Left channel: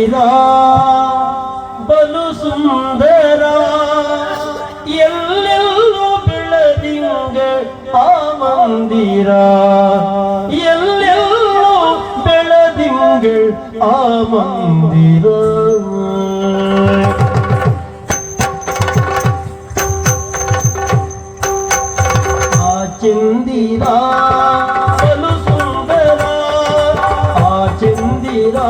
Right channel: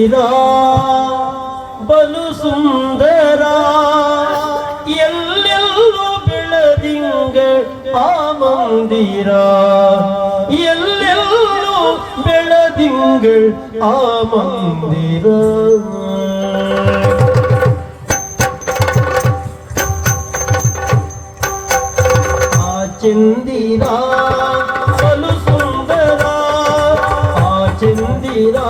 ಶ್ರೀರಾ ಬಲು ಸುಂದರ, ಎಲ್ಲೆಲ್ಲೂ ಬೆಳದಿಂಗ ಆ ಮಂದಿರ. ಎಲ್ಲೆಲ್ಲೂ ಬೆಳದಿಂಗ ಆ ಮಂದಿರ. ಆ ಚಂದಿರ ಬಲು ಸುಂದರ, ಆ ಚಂದಿರಾ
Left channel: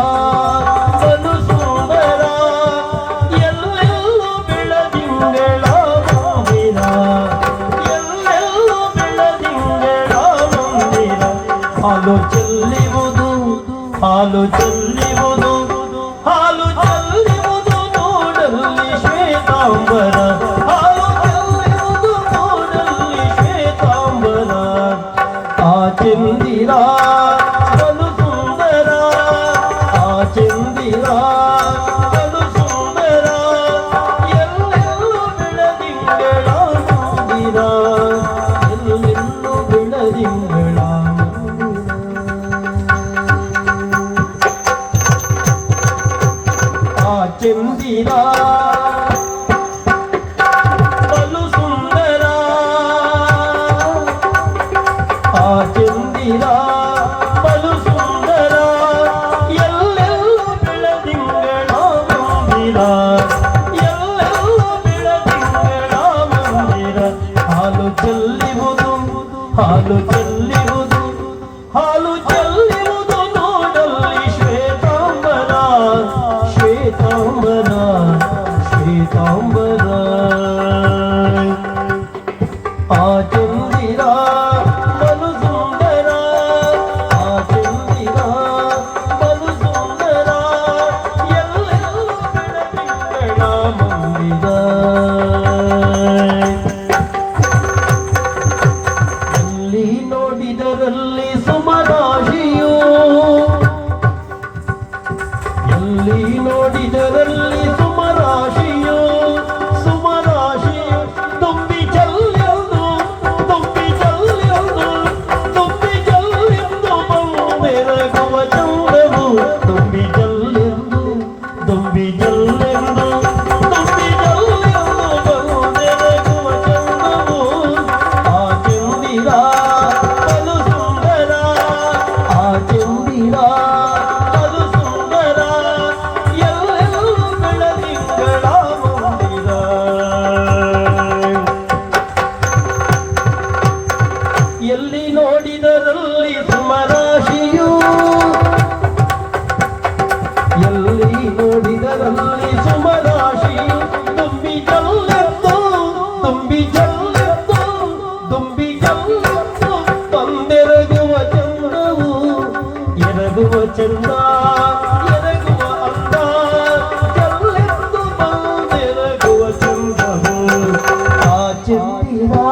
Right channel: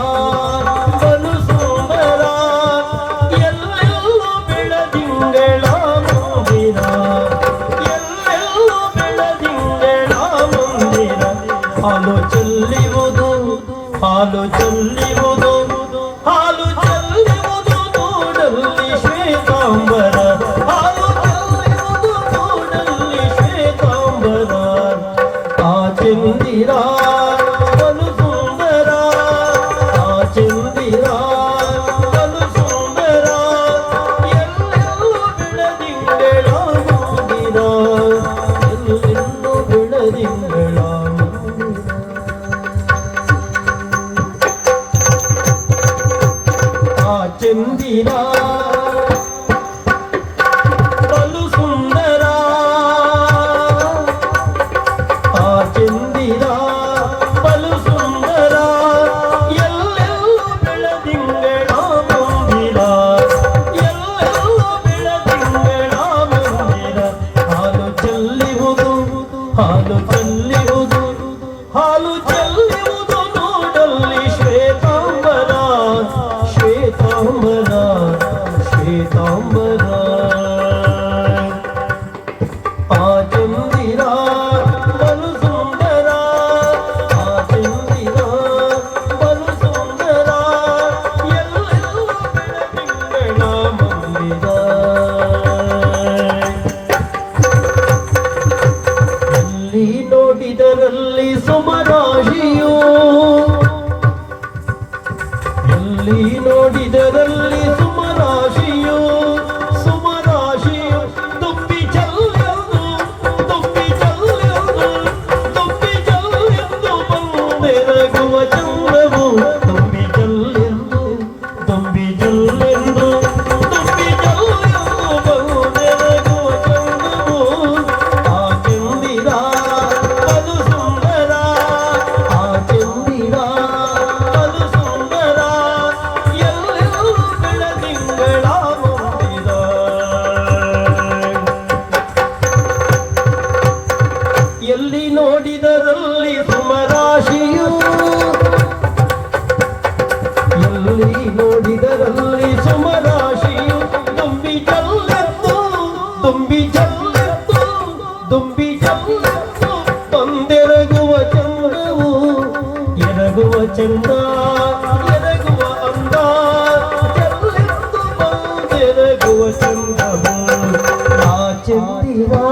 Hare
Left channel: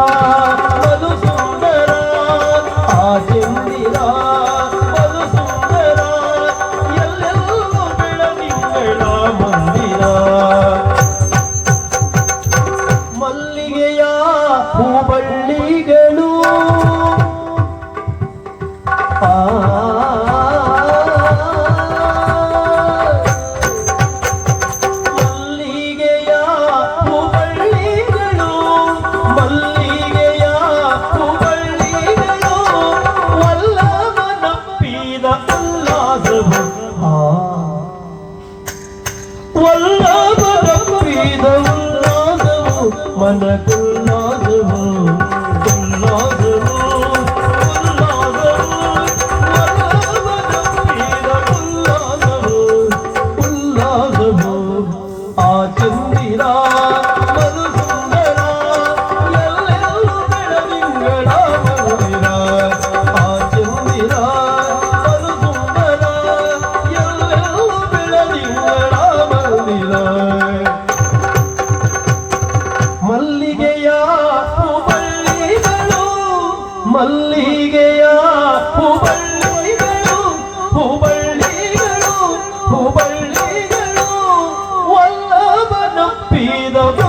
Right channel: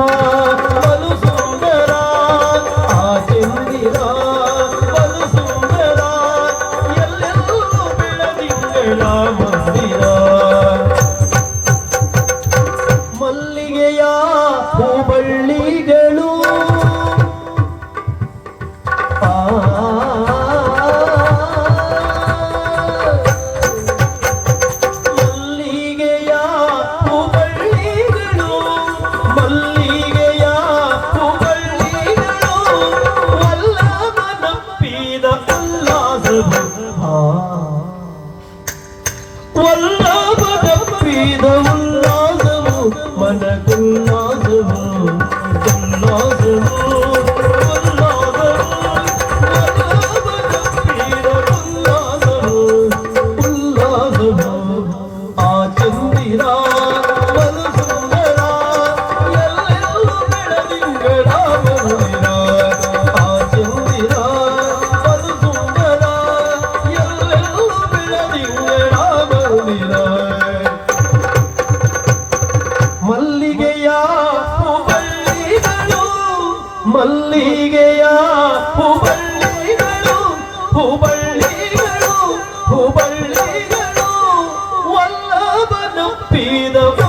the be the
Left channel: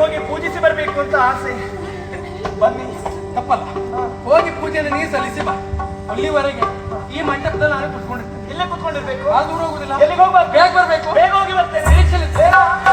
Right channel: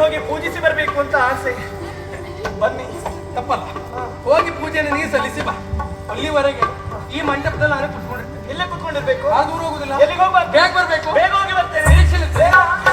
ಹೋಗಿ ಪೂಜಿಸಿ ಬರಬೇಕು ಅಂತ ಆಸೆ. ಬನ್ನಿ ತಪ್ಪಲ್ಲ. ಹೋಗಿ ಪೂಜೆಯನ್ನು ನೀ ಸಲ್ಲಿಸಿ ಬಾ. ಅಲ್ಲಿವರೆಗೆ ಈ ಮಂಟಪದಲ್ಲಿ ನಾನು ಕುತ್ಕೊಂಡಿರ್ತೇನೆ ಇಲ್ಲೇ ಕುತ್ಕೊಂಡಿರ್ಬೇಕು. ಆ ದೂರ ಹೋಗುದಿಲ್ಲ. ಎಲ್ಲಿಗೆ ಹೋಗ್ಬಾರ್ದು? ಬೇಗ ಬರಬೇಕು. ಬೇಗ ಹೋಗಿ ಬರ್ತೇನೆ. ನಿರೀಕ್ಷೆ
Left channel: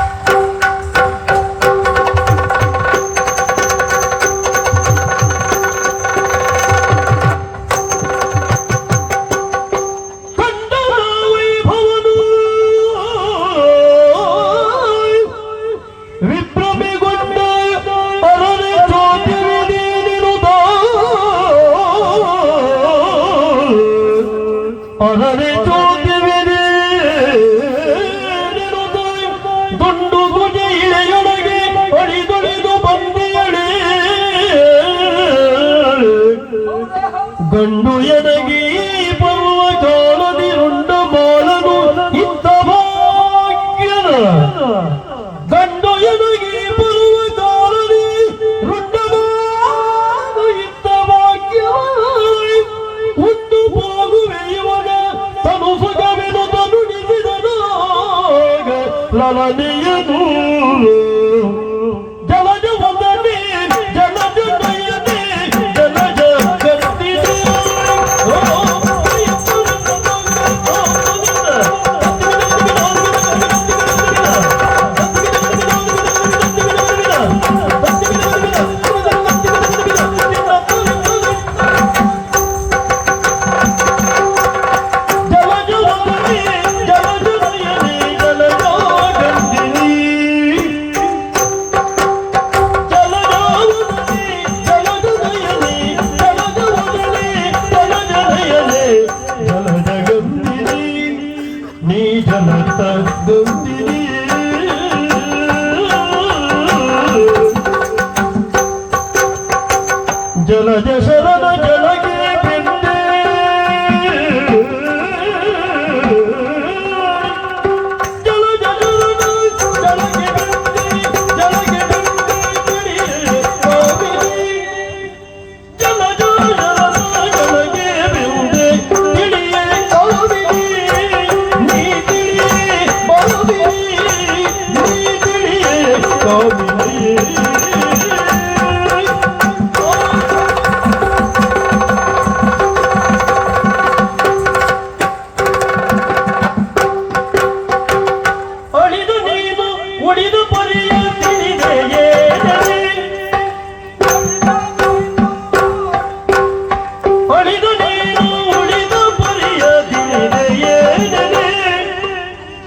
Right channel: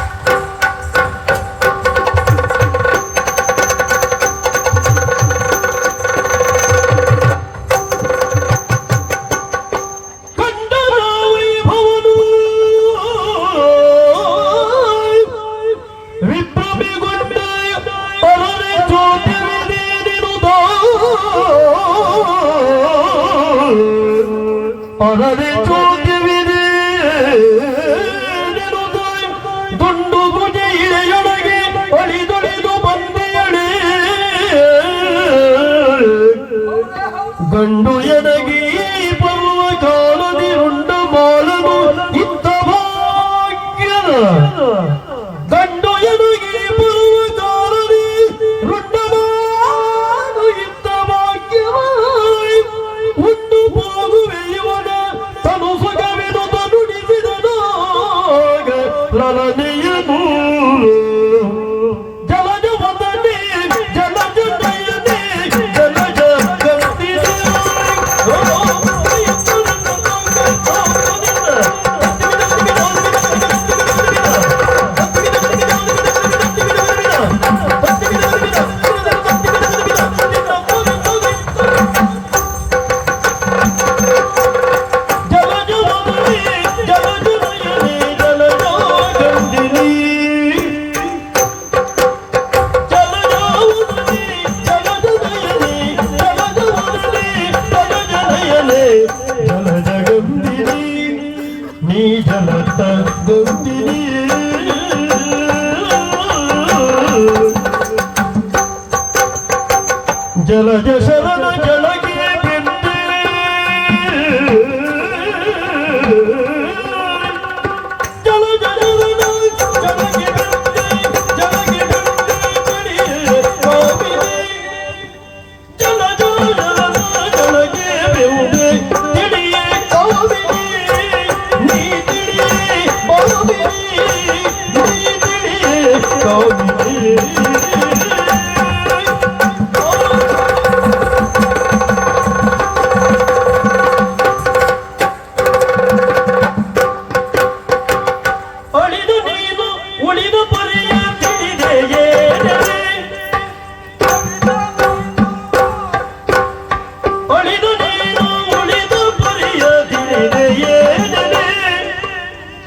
不要在意。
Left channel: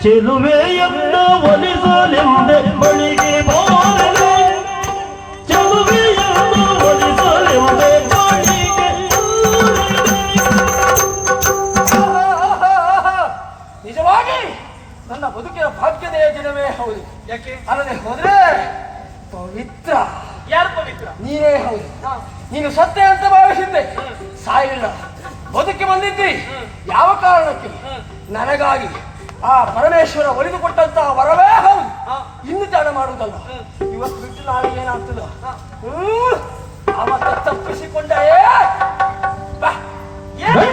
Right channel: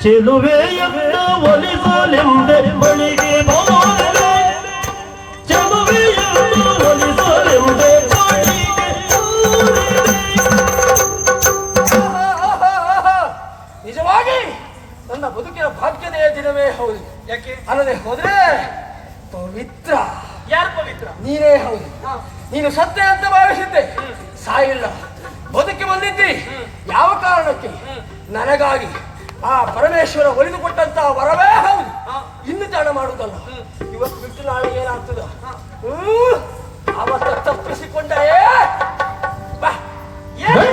ಚೆಲುವೆಯನ್ನು ಒಲಿಸಲೆಂದೆ ಬಳಿಗೆ ಹೋದರೆ ನಿಜವಾಗಿ ನನ್ನ ಬದುಕಿನ ಭಾಗ್ಯನೆಯ ದಿನವೇ ಹೌದು. ಯಾಕೆ? ಅಲ್ಲದೆ ಹೋದ್ರೆ ಪವಿತ್ರ. ಯಾರು ಪವಿತ್ರ? ನೀನೇ ಹೌದು. ನೀನು ಸತ್ತೆ ಅಂತ ಭಾವಿಸಿದ್ದೆ. ಸಾಯಿಲ್ಲ. ಬದುಕಿ ಬಂದಿದ್ದಿ. ಯಾವ ಕಾರಣಕ್ಕೆ ನನಗಾಗಿ ಆ ಪರಮೇಶ್ವರ ಒಲಿದು ಕೊಟ್ಟಂತಹ ವರವೇ ಹೌದು ಇನ್ನು ತಾಣ ಮಾಡುದಲ್ಲ ಇವತ್ತು ಬಿಟ್ಟು ನಾಳೆ ಏನಾಗ್ತದ? ಅವತ್ತ ತಪ್ಪಿಸಿಕೊಂಡೇ ಬಾ. ಏನು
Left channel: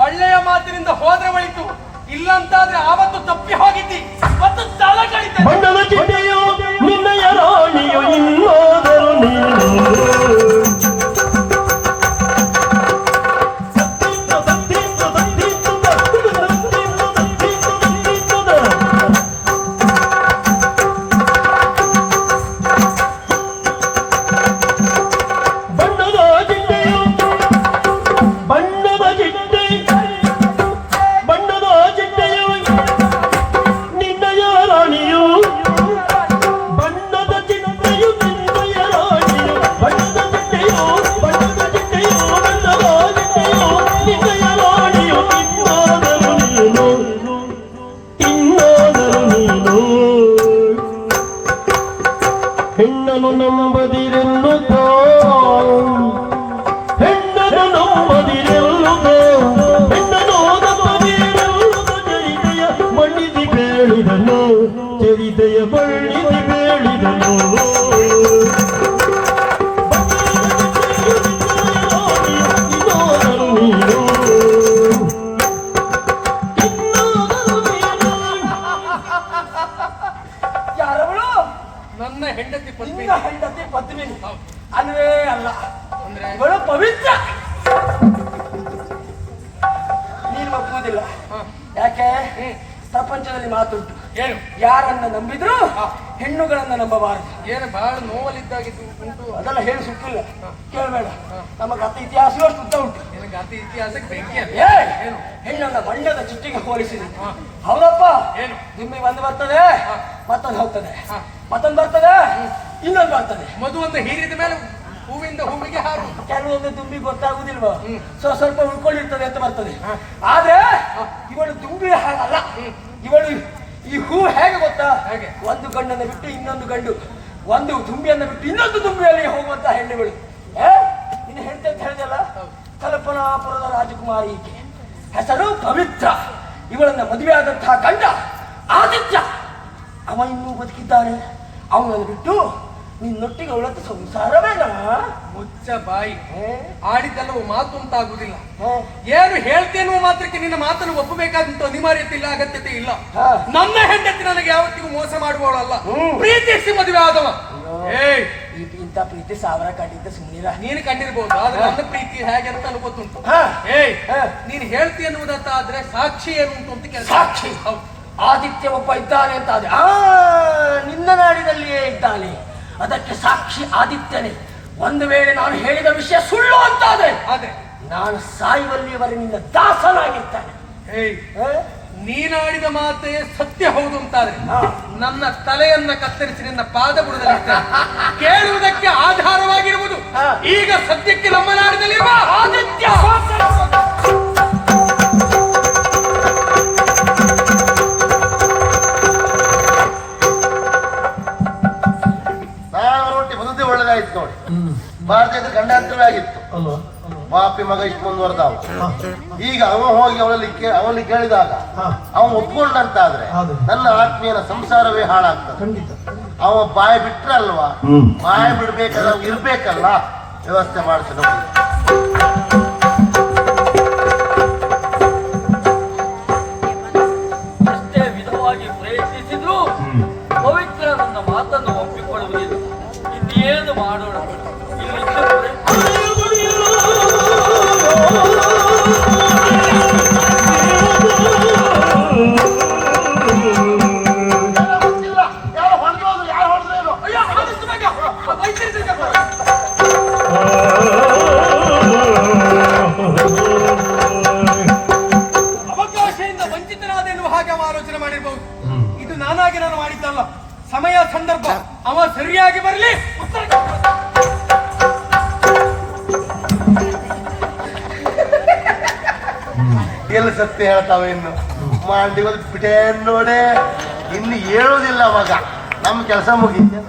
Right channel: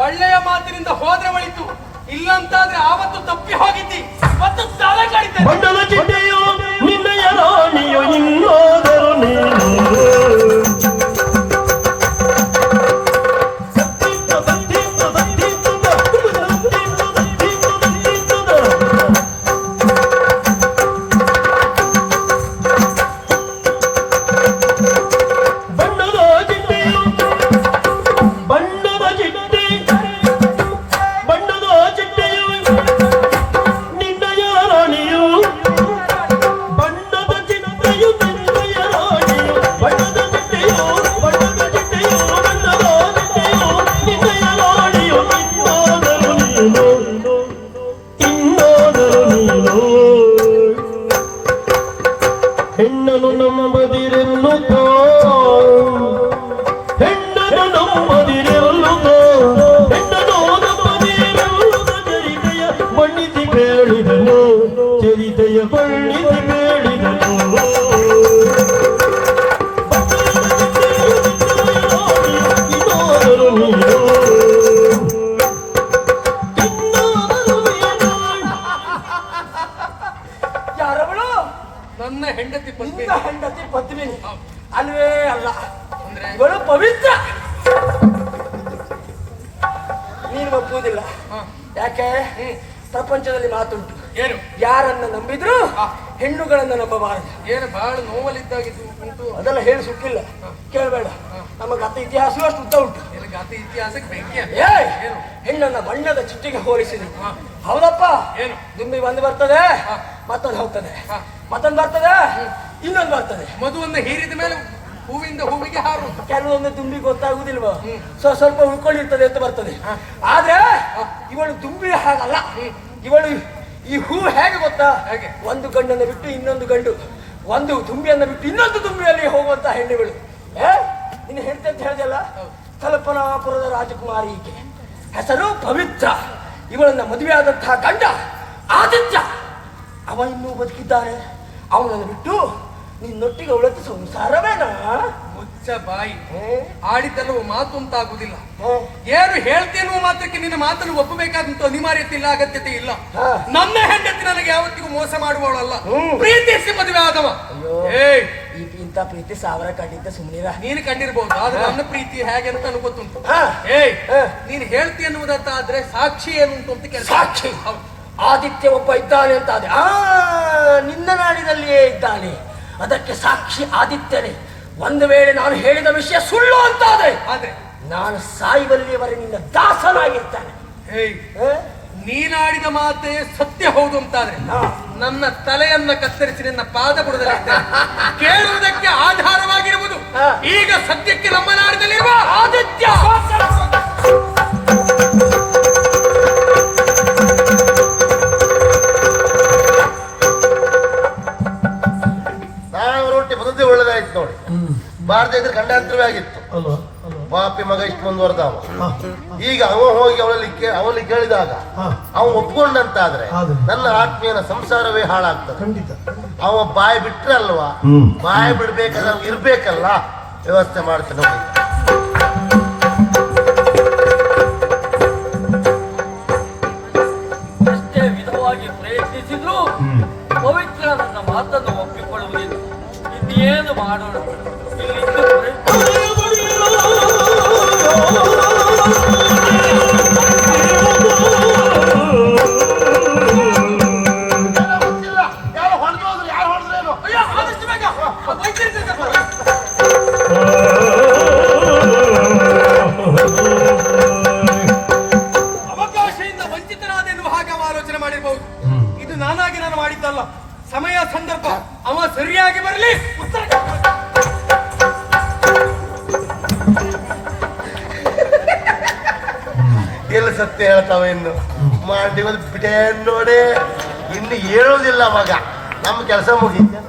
ಒಳ್ಳೆಯ ಮಾತಿನಿಂದ ಹೋದ್ರೆ ಒಳಿತು. ಇಲ್ಲಂತಾದ್ರೆ ಆವತ್ತು ತಪ್ಪಿ ಹೋಗಿದ್ದಿ. ಮತ್ತು ಸಾಲ ಕಾಯ್ತೇನೆ ಇವಳು ಪವಿತ್ರ. ನೀನು ಒಪ್ಪುವುದಿಲ್ಲ. ಯಾಕೆ? ಪ್ರಪಂಚದಲ್ಲಿ ಮಾತುಂಟು. ಏನು? ಯಾರನ್ನ ನಂಬಿದ್ರು ಹೆಣ್ಣುಗಳನ್ನ ನಂಬಬಾರದು. ಏನು ಬಹಳ ನೋವಲ್ಲಿದ್ದಾಗಿದ್ದು ಉಂಟು. ಅದೆಲ್ಲ ಹೇಳಿ ಸುಟ್ಟಿಲ್ಲ ಕೇಳಬೇಡ. ನಮ್ಮ ಗತ ಇತಿಹಾಸವೂ ಉದ್ದ ಉಂಟು. ಅತಿ ಇತಿಹಾಸಕ್ಕೆ ಬೆಂಕಿ ಹೆಣ್ಣನ್ನ ಬಣ್ಣದ ಚಿಟ್ಟಿಗೆ ಹೋಲಿಸಿದೆ. ಹೌದಪ್ಪ? ಏನು? ದುಂಬಿ ಒಂದು ಬರ್ತದೆ ಮತ್ತೊಂದು ಹೋಗ್ತದೆ. ಮತ್ತೊಂದು ಬರ್ತದೆ ಇನ್ನೊಂದು ಬರ್ತದೆ. ಮದುವನ್ನು ಹೀರಿದ ಮೇಲೆ ಹೂವಿಂದ ಹೂವಿಗೆ ಹಾರು ಕೆಲವೊಂದು ದುಂಬಿ ಗೊತ್ತಾಗುದಿಲ್ವಾ ಸೊ ಸ್ವಲ್ಪ ಉಳ್ಕೊಂಡಿರ್ತದೆ ಅಂತ ಬರ್ತದೆ. ಆದ್ರೆ ಇವಳು ದುಂಬಿ ಹಾಗಲ್ಲ. ಇವಳು ಈ ಹೂ ಹೇಗೆ ಗೊತ್ತಾ? ಹೇಗೆ? ಒಂದು ಗಂಡನ್ನು ಬಿಟ್ಟು ಇನ್ನೊಂದು ಗಂಡು. ಒಂದು ದುಂಬಿಯನ್ನು ಬಿಟ್ಟು ಇನ್ನೊಂದು ದುಂಬಿಯಲ್ಲಿ ಹೋಗುವಂತ ಹೆಣ್ಣುಗಳು. ಏ ನೀನು ಹೇಳ್ತೆ ಅಂತ ಹೇಳಿದೆಲ್ಲ? ಕಲ್ಪನಾಪುರದ ರಾಜಕುಮಾರಿ ಈಕೆ. ಹೆಸರು ಪವಿತ್ರ. ಇವಳನ್ನ ಮದುವೆ ಆದಂತಹ ಗಂಡ ಆದಿತ್ಯ. ಅವನಿಗೂ ಬದುಕಿದ್ದಾನೆ. ಅವನನ್ನು ಬಿಟ್ಟು ನಿನ್ನೊಟ್ಟಿಗೆ ಅವಳತ್ತ ಸಂಸಾರ ಬೇಡ ಮುಚ್ಚ ಬಾಯಿ. ಆಡಿದ್ದಲ್ಲೂ ಮಾತು ಅಂತಾಗುದಿಲ್ಲ ಹ್ಮ್. ಏನು ಹೇಳ್ತೇನೋ ಮಾತ್ರಕ್ಕೆ ನಿನ್ನ ಮಾತನ್ನು ಒಪ್ಪಬೇಕಾದಂತ ಅನಿವಾರ್ಯತೆ ಇಲ್ಲ ಅಗತ್ಯತೆ ಇಲ್ಲ. ನನ್ನ ಹೆಂಡತಿ ನನಗೆ ಯಾವತ್ತಿಗೂ ಮೋಸ ಮಾಡುವವಳಲ್ಲ. ಪ್ರೀತಿಸಿ ಮದುವೆ ಆದವ. ಇಂತ ಪ್ರೀತಿ ಸಾವಿರ ಕಂಡಿದ್ದ ಸುಮ್ಮನಿರ ನೀನು ಕಂಡಿರ್ಬೋದು ಆದ್ರೆ ನನ್ನ ಪ್ರೀತಿ ಹೇಗೆ ಅಂತ ನನಗೆ ಗೊತ್ತುಂಟು. ನೀನು ಹೇಳ್ತಿ ಅನ್ನುವುದಂತಾದ್ರೆ ಸಾಕ್ಷಿ ಏನು ಅಂತ ಕೆಲಸ ಸಾಕ್ಷಿ. ಆದಿತ್ಯ ಒಬ್ಬ ಇದ್ದಾನೆ ಅಂತ ಆದ್ರೆ ಆ ನಿನ್ನ ನಾಡಿನಲ್ಲಿಯೇ ಇದ್ದಾನೆ ಅದಕ್ಕೆ ಸಾಕ್ಷಿ ಆದಿತ್ಯನೇ ಒಂದು ವೇಳೆ ನಾನು ಹೇಳಿದ ವಿಷಯ ಸುಳ್ಳು ಅಂತಾದ್ರೆ ಆದ್ರೆ ನಾನು ಸಾಯುವಲ್ಲಿಯವರೆ ನಿನ್ನ ದಾಸನಾಗಿರ್ತಾನೆ? ನೀನಾಡಿದ ಮಾತೆ ಸತ್ಯ ಹೌದು ಅಂತಾದ್ರೆ ನನ್ನ ತಲೆಯನ್ನ ಕತ್ತರಿಸಿ ನಿನ್ನ ಪಾದ ಬುಡದಲ್ಲಿರ್ತೇನೆ ಕೇಳುವುದಕ್ಕೆ ಆಧಾರವಾಗಿರುವುದು. ಈಗ ಸದ್ಯಕ್ಕೆ ನಮ್ಮ ನಾಡಿನಲ್ಲಿರುವ ಆದಿತ್ಯ ಒಳ್ಳೇದಾಯ್ತು ನೋಡಿ ಭಾರತ ಇದ್ರೆ ಖಂಡಾಂತರವೇ ಆಗಿತ್ತು. ಬಾಪಿ ಮಗ ಇಷ್ಟು ಮುಂದುವರೆದವ ಈಗ ಅವ ಹೋಗಿ ಅವಳಲ್ಲಿ ಅವನಲ್ಲಿ ಕೇಳಿದಾಗ. ಅವ ಒಪ್ಕೊಂಡಂತಾದ್ರೆ ಆದ್ರೆ ನನ್ನ ಆತ್ಮೀಯನ ಸಂಸಾರವೇ ಹಾಳಾಗ್ತದೆ. ಅವ ಬಾಯಿ ಬಿಟ್ರೆ ಅಲ್ವಾ. ಬಾಯಿ ಬಿಡ್ಬೇಕಲ್ಲ ಇರ್ಬೇಕಲ್ಲ? ವ್ಯವಸ್ಥೆ ಮಾಡ್ತೀನಿ ಇದು ನಾನಾಗಿ ನಾನು ಮಾಡಿದ್ದಲ್ಲ. ಸಮಯ ಸಂದರ್ಭ ಅವ ಸರಿಯಾಗಿ ಬರಲಿ. ಎಲ್ಲ ಸತ್ಯ ಹೇಳ್ತಾವ ಇನ್ನು? ಮಾಡಿ ಬಿಟ್ಟೆ ನೋಡಿ. ಇನ್ನು ಹೇಳೋದಿಲ್ಲ ಅವಾಗ. ನಮ್ಮ ಕೆಲಸ ಮುಗೀತು.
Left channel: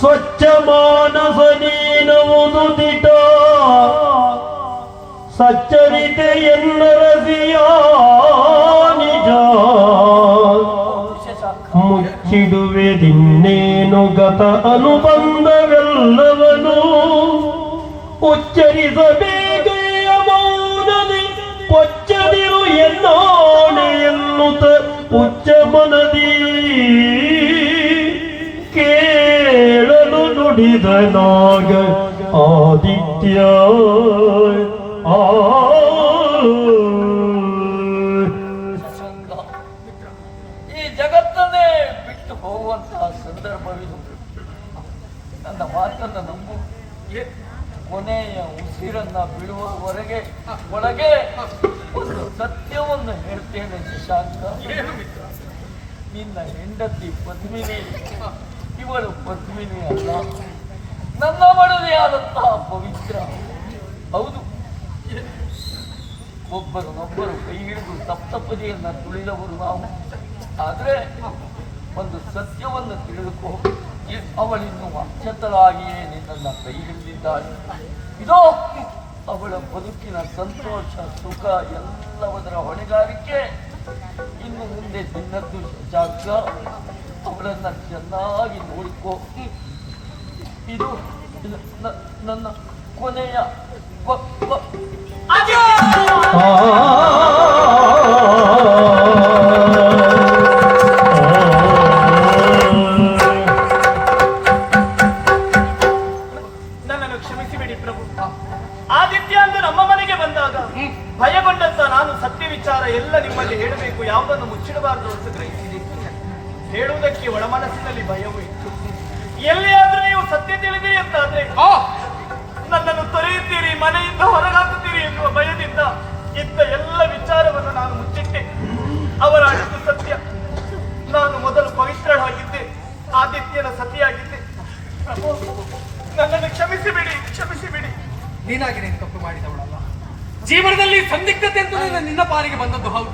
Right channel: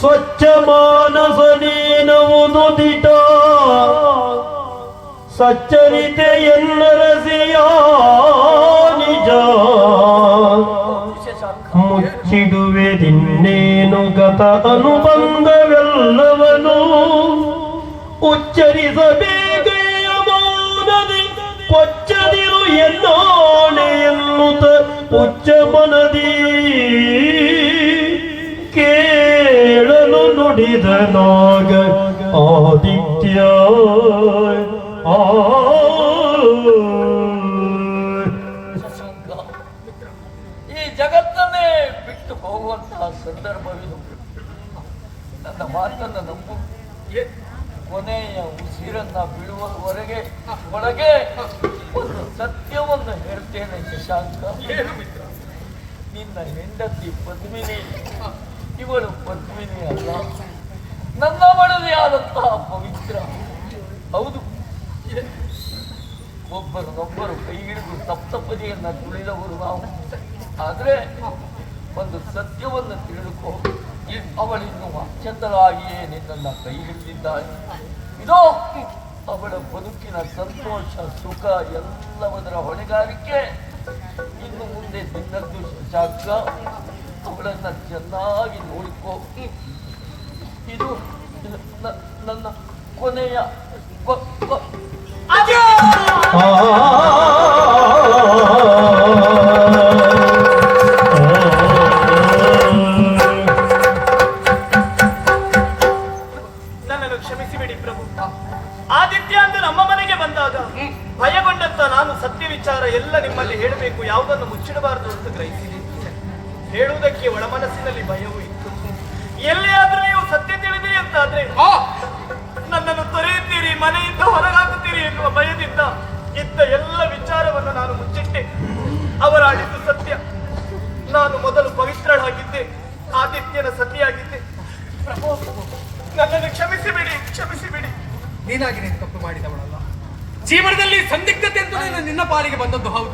ಸ್ವಚ್ಛ ಮಾನಸ ನೀನವುದು ದಿಟ ಸಚ್ಚರಿತೆ ಎನ್ನರಸಿಯ ನಿಜ. ಮುಚ್ಚಿಡುವೆ ದಿನ್ನೇನು ಗತ ಅನುಬಂಧವೆಲ್ಲವನು. ಉಚ್ಚರಿಸಬೇಕೆಯ ಹೋಗುವಂತಹ ಸಂದರ್ಭವಿದು. ನನ್ನ ಮಾತನ್ನು ನಂಬು ಏ, ಕೊನೆಯ ಉಸಿರನ್ನ ಬಿಡುವವರೆಗೆ ಒಳಗೆ ಸತ್ಯವನ್ನು ಹೇಳ್ತೇನೆ ಶಶಾಂಕ. ಮಿತ್ರ? ನಿನ್ನ ಹೆಂಡತಿ ಪದ್ಮಿನಿ ಇವಳು ಪದ್ಮಿನಿ ಅಲ್ಲ. ನನ್ನ ಆದಂತಹ ಪವಿತ್ರ ಹೌದು. ಒಬ್ಬರು ಒಬ್ಬರು ಕೈ ಹಿಡಿದು ಸಪ್ತಪದಿಯನ್ನ ತುಳಿದವರು ನಾವು. ಆದ್ರೆ ಒಂದು ಸತ್ಯವನ್ನು ತಿಳಿದುಕೋ. ಅವಳಿನ್ನು ಅಚ್ಚತಳಾಗಿಯೇ ನಿನ್ನ ಕೈ ಹಿಡಿದಿದ್ದಾಳೆ ಇದೋ ಅವಳ ಬದುಕಿನ ಸಂತೋಷ, ಸುಖ ಎಲ್ಲವದರ ಹೊಣೆಗಾರಿಕೆ. ಇನ್ನು ಮುಂದೆ ನಿನ್ನದ್ದು ಜಾಗ ಅವಳನ್ನ ಚೆನ್ನಾಗಿ ನೋಡಿಕೋ. ಇದು ನನ್ನ ಕೊನೆಯ ಬ- ಸತ್ಯ ವಿಚಾರ ಎಲ್ಲ ನಿಮ್ಮಲ್ಲಿ ಹೇಳಬೇಕು ಯಾವುದನ್ನು ಮುಚ್ಚಿಡಬಾರದು ಅಂತ ಗ್ರಹಿಸಿದೆ. ಹೇಳುವುದಕ್ಕೆ ಒಳಮನಸ್ಸಿನಲ್ಲಿ ಭಯವೂ ಇತ್ತು. ಎಲ್ಲಿಯಾದ್ರೂ ನೀವು ಸತ್ಯ ತಿಳಿದೆ ಅಂತ ಆದ್ರೆ ನನ್ನನ್ನು ತೊರೆಯುತ್ತೀರಿ ಮನೆಯಿಂದ ಹೊರಗಾಗುತ್ತೀರಿ ಎನ್ನುವ ಭಯದಿಂದ ಇದ್ದ ಎಲ್ಲ ವಿಚಾರವನ್ನು ನಾನು ಮುಚ್ಚಿಟ್ಟೆ ಅವರ ಅಡಿದು ಸತ್ಯ ನಾನು ಮೊದಲು ಪವಿತ್ರಳಾಗಿದ್ದೆ ಆದಿತ್ಯನ ಸತಿಯಾಗಿದ್ದೆ ಪ್ರಭು ನನ್ನನ್ನು ಕ್ಷಮಿಸಿಬಿಡಿ ಕ್ಷಮಿಸಿಬಿಡಿ ನೀನಾಗಿ ನೀನು ತಪ್ಪು ಮಾಡಿದವಳಲ್ಲ ಜೀವನದಲ್ಲಿ ಸಂದಿಗ್ಧತೆ ಅಂತ ನಿನ್ನ ಪಾಲಿಗೆ ಬಂದದ್ದು ಹೌದು.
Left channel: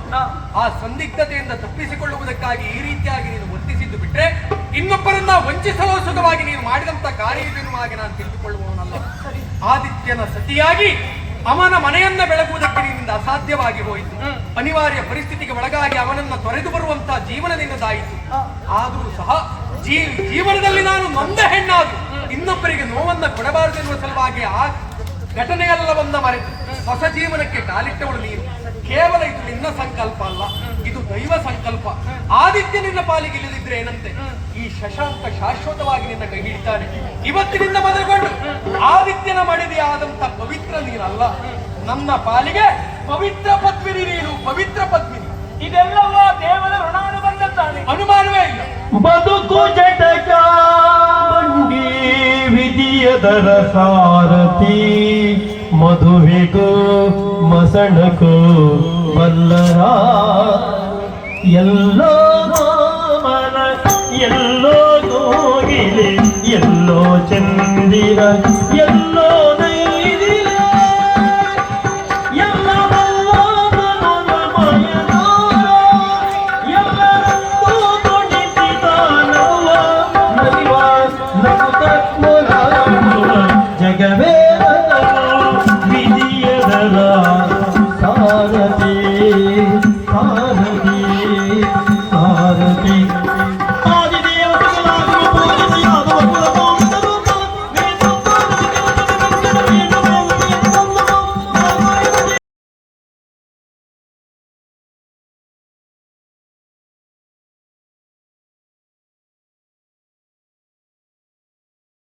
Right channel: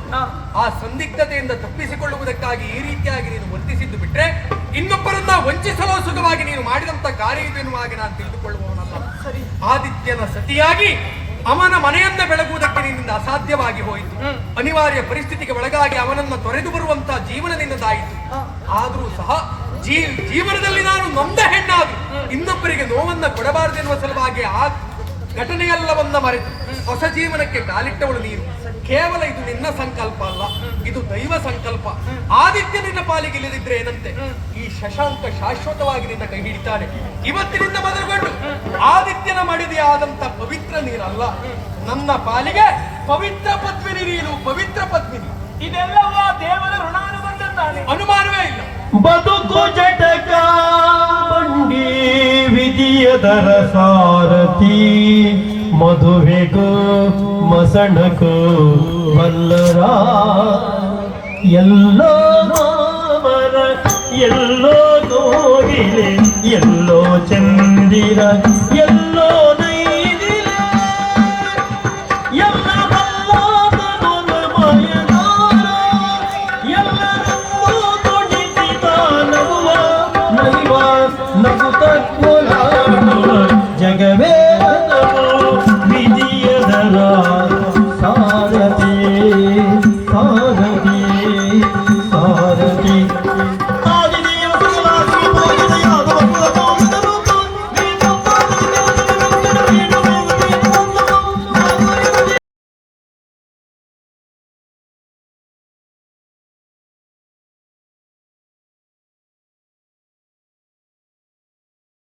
ಆ ಸಂದಿಗ್ಧತೆಯಿಂದ ತಪ್ಪಿಸಿಕೊಳ್ಳುವುದಕ್ಕಾಗಿ ಈ ರೀತಿಯಾಗಿ ನೀನು ವಂಚಿಸಿದ್ದು ಬಿಟ್ರೆ ಇನ್ನೊಬ್ಬರನ್ನ ವಂಚಿಸಲು ಸುಖವಾಗಿ ನೀನು ಮಾಡಿದಂತ ಕಾರ್ಯವೆನ್ನುವಾಗಿ ನಾನು ತಿಳಿದುಕೊಳ್ಳುವವನಲ್ಲ. ಆದಿತ್ಯನ ಸತಿಯಾಗಿ ಅವನ ಮನೆಯನ್ನ ಬೆಳಗುವುದಕ್ಕೆ ನಿನ್ನಿಂದ ಅಸಾಧ್ಯವಾಗಿ ಹೋಯಿತು. ಅನಿವಾರ್ಯ ಪರಿಸ್ಥಿತಿಗೆ ಒಳಗಾಗಿ ಅವನನ್ನ ತೊರೆದು ಬರುವಂತಹ ಜೀವನ ನಿನ್ನದಾಯಿತು. ಆದರೂ ಸಹ ಜೀ ಜೀವನದಲ್ಲಿ ನಾನು ನೊಂದ ಹೆಣ್ಣಾದ್ರು ಇನ್ನೊಬ್ಬರಿಗೆ ನೋವನ್ನ ಕೊಡಬಾರದೆನ್ನುವ ಸಲುವಾಗಿ ಆ ಘಟನೆಯೆಲ್ಲವನ್ನ ಮರೆತು. ಹೊಸ ಜೀವನಕ್ಕೆ ಕಾಲಿಟ್ಟವಳು ನೀನು. ಕೇವಲ ಇದು ನಿನ್ನ ಸಂಕಲ್ಪ ಅಲ್ಲ ಇದು ದೈವ ಸಂಕಲ್ಪ. ಆದಿತ್ಯ ನಿನ್ನ ಪಾಲಿಗೆ ಇಲ್ಲದಿದ್ರೆ ಏನಂತೆ? ಈ ಶಶಾಂಕ ಶಾಶ್ವತವಾಗಿ ನಿನ್ನ ಕೈ ಹಿಡಿತಾನೆ ಇವತ್ತಿನಿಂದ ಮೊದಲುಗೊಂಡು ಆದಿತ್ಯನ ಮಡಿದೆ ಆದಂತ ಪವಿತ್ರ ನೀನಲ್ಲ ನನ್ನ ಪಾಲಿಗೆ ಪವಿತ್ರ ಪದ್ಮಿನಿ ನೀನು ಪವಿತ್ರ ಪದ್ಮಿನಿ. ಇದೆಲ್ಲವ ದೇವರ ಋಣಾನುಬಂಧದ್ದಾನೆ. ಅನುಮಾನವೇ ಇಲ್ಲ. ಬದುಕು ಜಟಕ ವಿಧಿಯ ದರ ಸಾರಥಿ. ಮದುವೆಗೂ ಮಸಣಕ್ಕೂ ಮಲ್ಲರ ಎಲ್ಲೋ ಮಾಮನ ಎಲ್ಲೋ ನೋಡಿದೆ ಎಲ್ಲೋ ಚಂದಿರ